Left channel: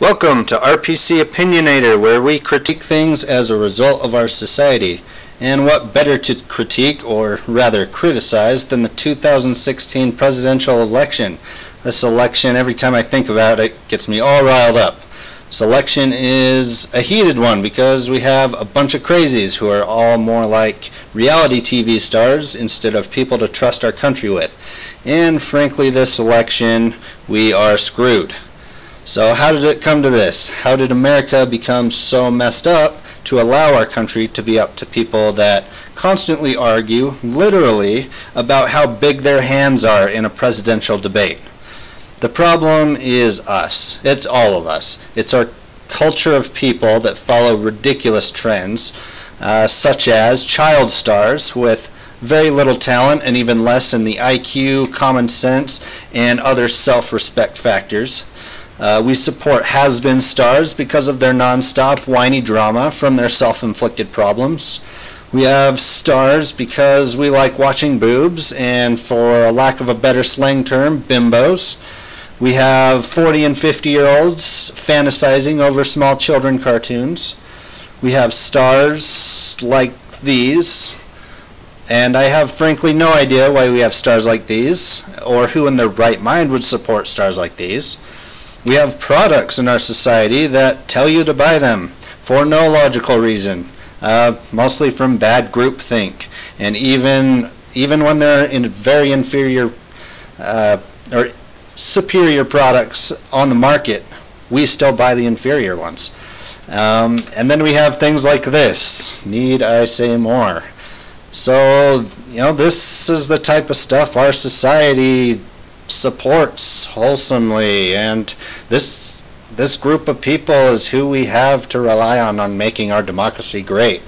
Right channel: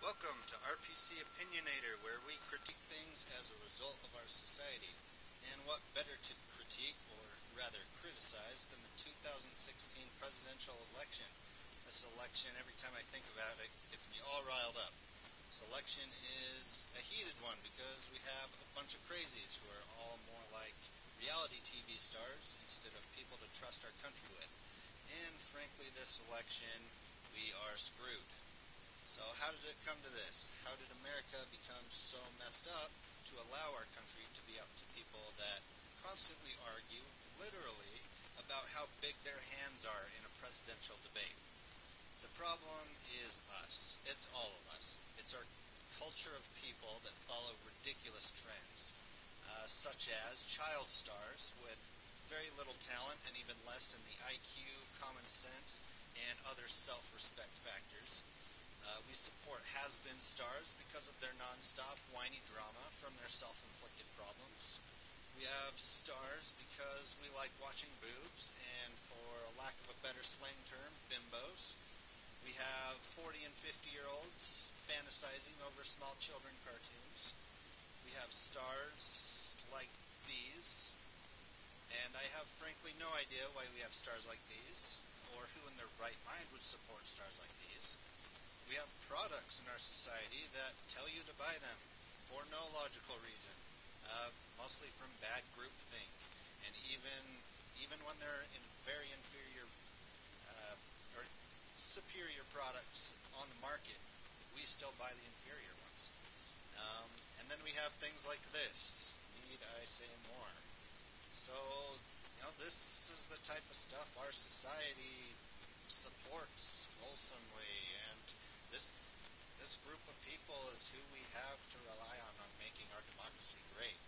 Welcome to RPC Opinionator, where we critique things as a result of our society. And what better to critique, or rather criticize, than the 2016 presidential election. This election, every time I think about it, gets me all riled up. This election is a heated one because we have a bunch of crazies who are all more like reality TV stars instead of people to trust our country with. And frankly, this election, we are screwed. So how did it come to this? How did America become so messed up to allow our country to be up to people that constantly argue, literally, about how big their hands are in a presidential debate? The problem is us. It's all of us. It's our culture of people that follow ridiculous trends, such as child stars with very little talent and even less in the IQ, common sense, and other self-respect factors. We support has-been stars because of their nonstop whiny drama from their self-inflicted problems. We have stars because we like watching boobs and, for a lack of a better slang term, bimbos. We have 40 and 50-year-olds fantasizing over small children cartoons. We have stars like these, and I have frankly no idea why we have stars like these, or who in their right mind would support stars like these. We have products in our society that tell you to buy them for no logical reason, mostly from bad groupthink. And even when they're in very inferior or superior products on the market, we still buy the inferior ones. And then we have things like this. Need I say more? So, this is the type of stuff our society supports wholesomely, and this group of people is who we have to rely on making our democracy great.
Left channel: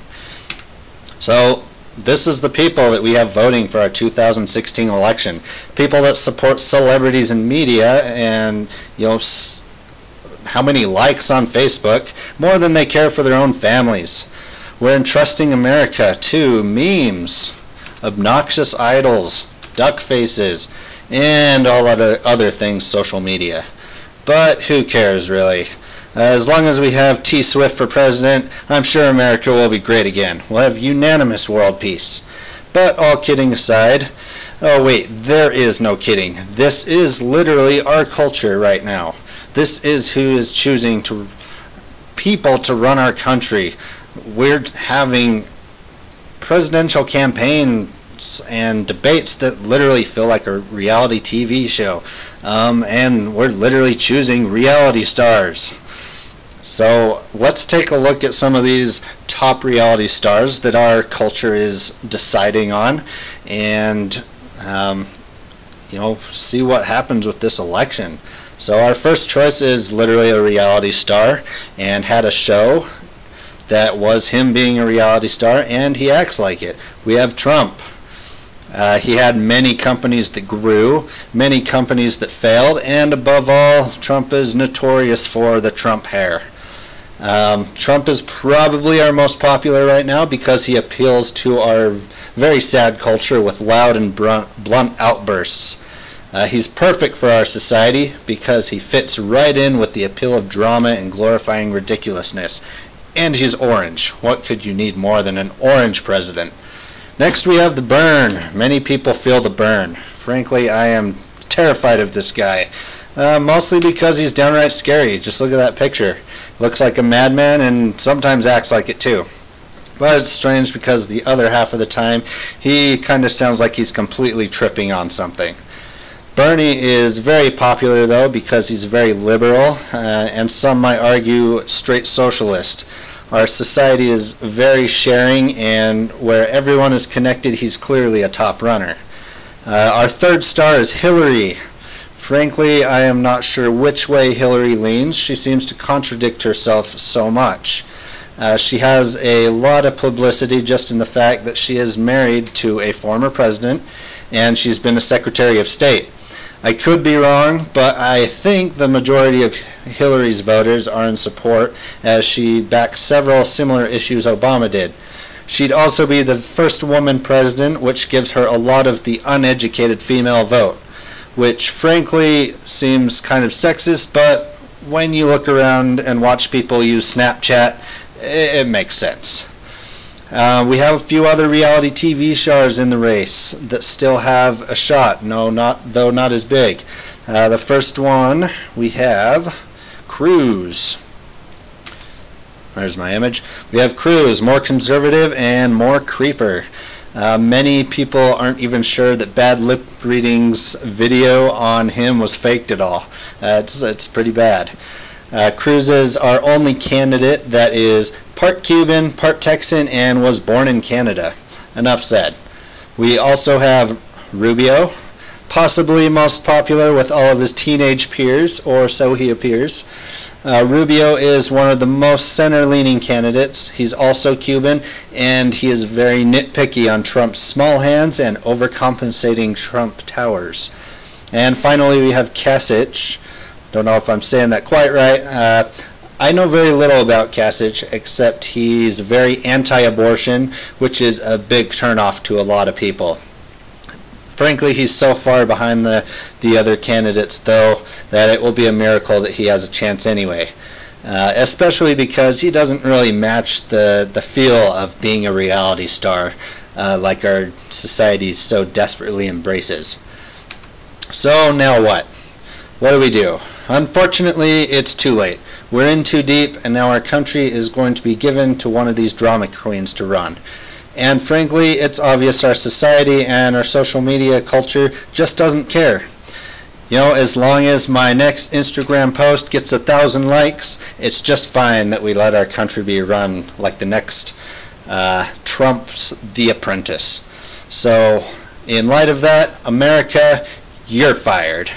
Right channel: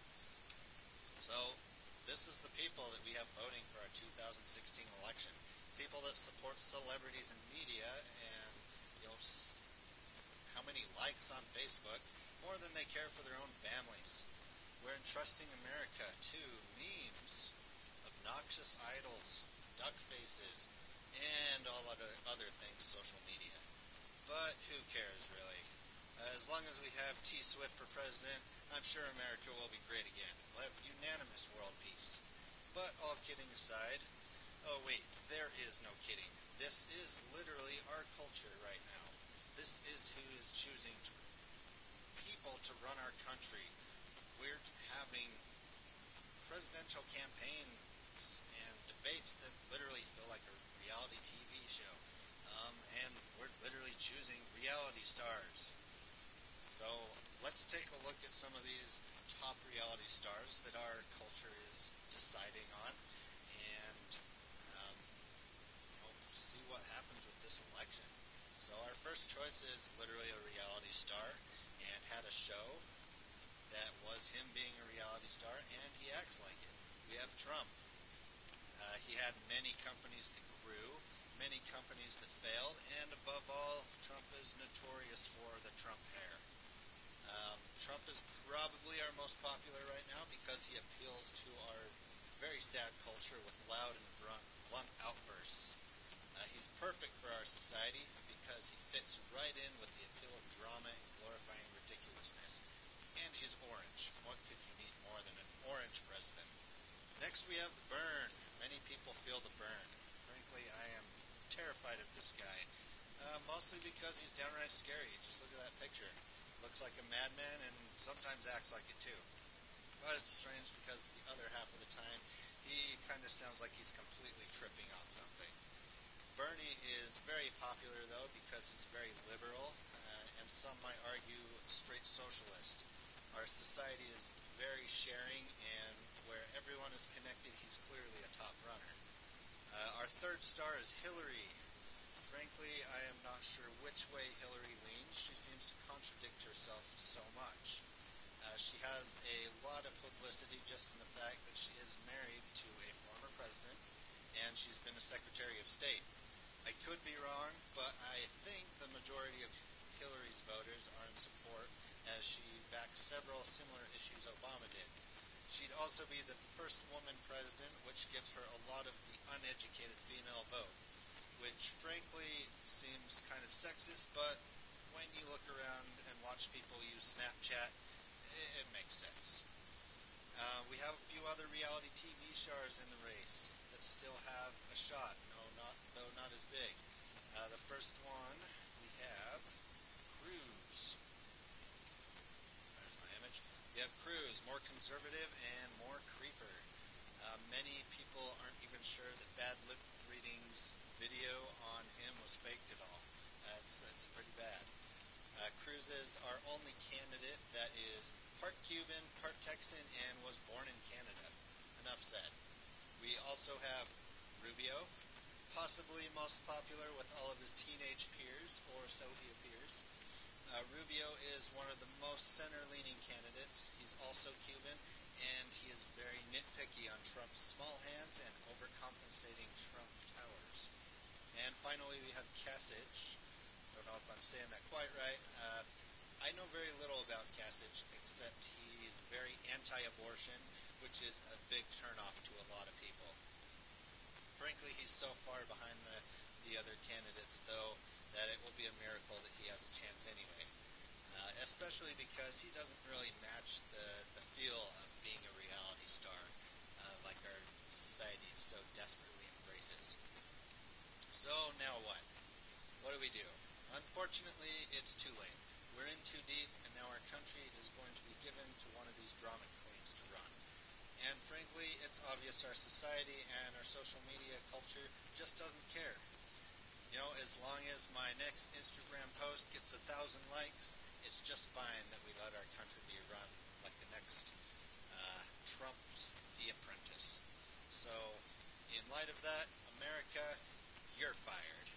So this is the people that we have voting for our 2016 election. People that support celebrities and media and how many likes on Facebook more than they care for their own families. We're entrusting America to memes, obnoxious idols, duck faces, and all other things social media. But who cares, really? As long as we have T Swift for president, I'm sure America will be great again. We'll have unanimous world peace. But all kidding aside, oh wait, there is no kidding. This is literally our culture right now. This is who is choosing people to run our country. We're having presidential campaigns and debates that literally feel like a reality TV show, and we're literally choosing reality stars. So let's take a look at some of these top reality stars that our culture is deciding on, and see what happens with this election. So our first choice is literally a reality star and had a show that was him being a reality star, and he acts like it. We have Trump. He had many companies that grew, many companies that failed, and above all, Trump is notorious for the Trump hair. Trump is probably our most popular right now because he appeals to our very sad culture with loud and blunt outbursts. He's perfect for our society because he fits right in with the appeal of drama and glorifying ridiculousness. And he's orange. What could you need more than an orange president? Next we have the Burn. Many people feel the Burn. Frankly, I am terrified of this guy. Mostly because he's downright scary. Just look at that picture. Looks like a madman and sometimes acts like it too. But it's strange because the other half of the time he kind of sounds like he's completely tripping on something. Bernie is very popular though because he's very liberal, and some might argue straight socialist. Our society is very sharing, and where everyone is connected, he's clearly a top runner. Our third star is Hillary. Frankly, I am not sure which way Hillary leans. She seems to contradict herself so much. She has a lot of publicity just in the fact that she is married to a former president, and she's been a Secretary of State. I could be wrong, but I think the majority of Hillary's voters are in support, as she backs several similar issues Obama did. She'd also be the first woman president, which gives her a lot of the uneducated female vote, which frankly seems kind of sexist, but when you look around and watch people use Snapchat, it makes sense. We have a few other reality TV stars in the race that still have a shot, though not as big. The first one, we have Cruz. There's my image. We have Cruz, more conservative and more creeper. Many people aren't even sure that Bad Lip Reading's video on him was faked at all. It's pretty bad. Cruz is our only candidate that is part Cuban, part Texan, and was born in Canada. Enough said. We also have Rubio, possibly most popular with all of his teenage peers, or so he appears. Rubio is one of the most center-leaning candidates. He's also Cuban, and he is very nitpicky on Trump's small hands and overcompensating Trump towers. And finally, we have Kasich. Don't know if I'm saying that quite right. I know very little about Kasich, except he's very anti-abortion, which is a big turnoff to a lot of people. Frankly, he's so far behind the other candidates, though, that it will be a miracle that he has a chance anyway. Especially because he doesn't really match the feel of being a reality star like our society so desperately embraces. So now what? What do we do? Unfortunately, it's too late. We're in too deep, and now our country is going to be given to one of these drama queens to run. And frankly, it's obvious our society and our social media culture just doesn't care. You know, as long as my next Instagram post gets 1,000 likes, it's just fine that we let our country be run like the next Trump's The Apprentice. So, in light of that, America, you're fired.